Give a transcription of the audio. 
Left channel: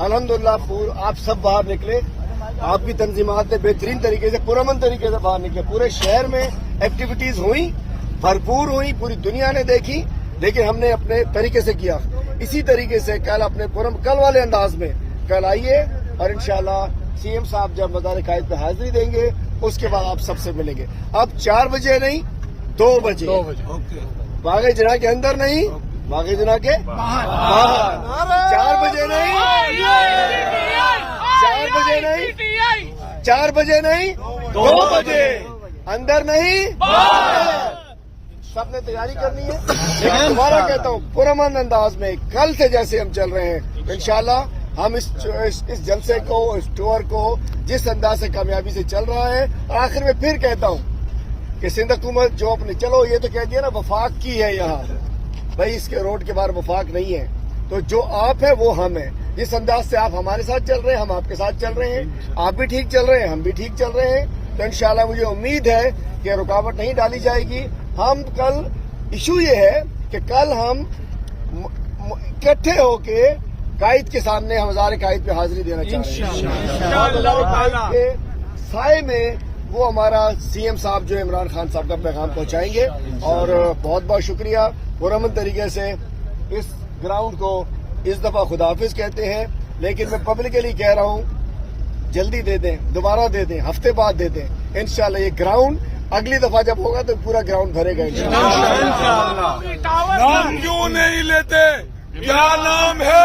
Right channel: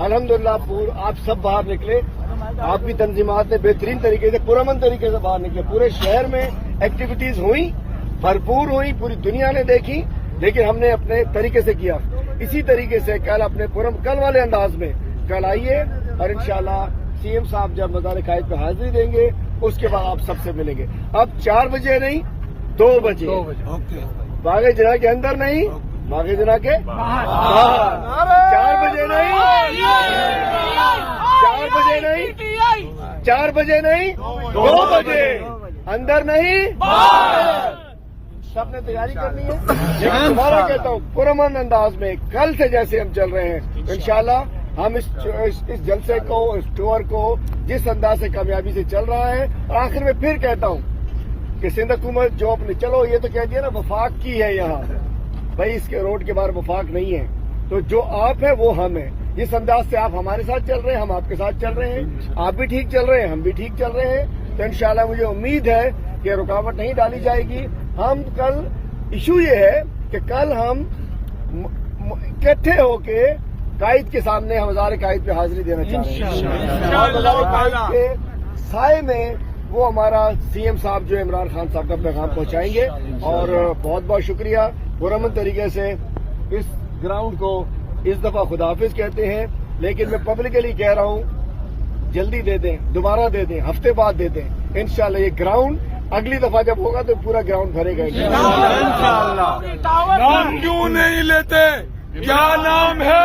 अल्हम्दुलिल्लाह आप सब बाहर निकले, आप भी तंजीमात ने बेहतरीन तरीके से पुरअमन तरीके से बाहर निकले। पूरे शहर में एक्टिविटीज हुई, भरपूर हुई, पूरी दुनिया ने देखी, लेकिन हमने अपने तरीके से किया। इसी तरीके से कल अपने कल वाले अंदाज में कल आइए और इंशाल्लाह सीएम साहब जब मज़ार कायद पे हाजिरी देंगे उसके बाद आप सबसे मिलेंगे। अब 4 बजे नहीं 2 बजे बागे जना के अंदर नहीं, बागे जना के बाहर। 4 बजे नहीं 4 बजे नहीं 4 बजे नहीं 2 बजे, अंदर नहीं सबने तैयारी करनी है। लेकिन तुम्हारा कहता हूँ पुरअमन अंदाज में कल से जैसे हम चल रहे हैं इंशाल्लाह हम इस जलसे को, इस टूर को जिस अंदाज से कामयाबी से चल रहा है। आखिर में फिर कहता हूँ कि सिंध हुकूमत जो अपने चलो ये तो कह दिया ना वफाक की है, यहाँ भाई इसके रोड के बाहर वफाक नहीं है। तो जो आप है वो हम है। जिस अंदाज से आप हमारे साथ चल रहे हैं हम आपके साथ चल रहे हैं, आप भी ठीक चल रहे हैं हम भी ठीक चल रहे हैं। तो इंशाल्लाह मुझे उम्मीद है कि रुकावट नहीं डाली जाएगी। हम कल इशू ये है कि कल हम इकट्ठे होके कायद के सामने हम हज़ार कायद पे हाजिरी देना चाह रहे हैं। और हज़ार कायद के साए में वो हमारा सीएम साहब जो इमरान खान साहब का पैगाम पहुंचाएंगे। और बहुत बहुत शुक्रिया। पुरअमन तरीके से इस ग्राउंड को इस दफा खुदाफिज कहते हैं, लेकिन मैं पब्लिकली कह रहा हूँ जल्दी दे दें, दोबारा दे दें, हफ्ते बाद दे दें। इंशाल्लाह ये ग्राउंड अगली दफा जब होगा तो पूरा ग्राउंड भरेगा इंशाल्लाह। नाम क्यों नहीं लेते? क्या नाम है?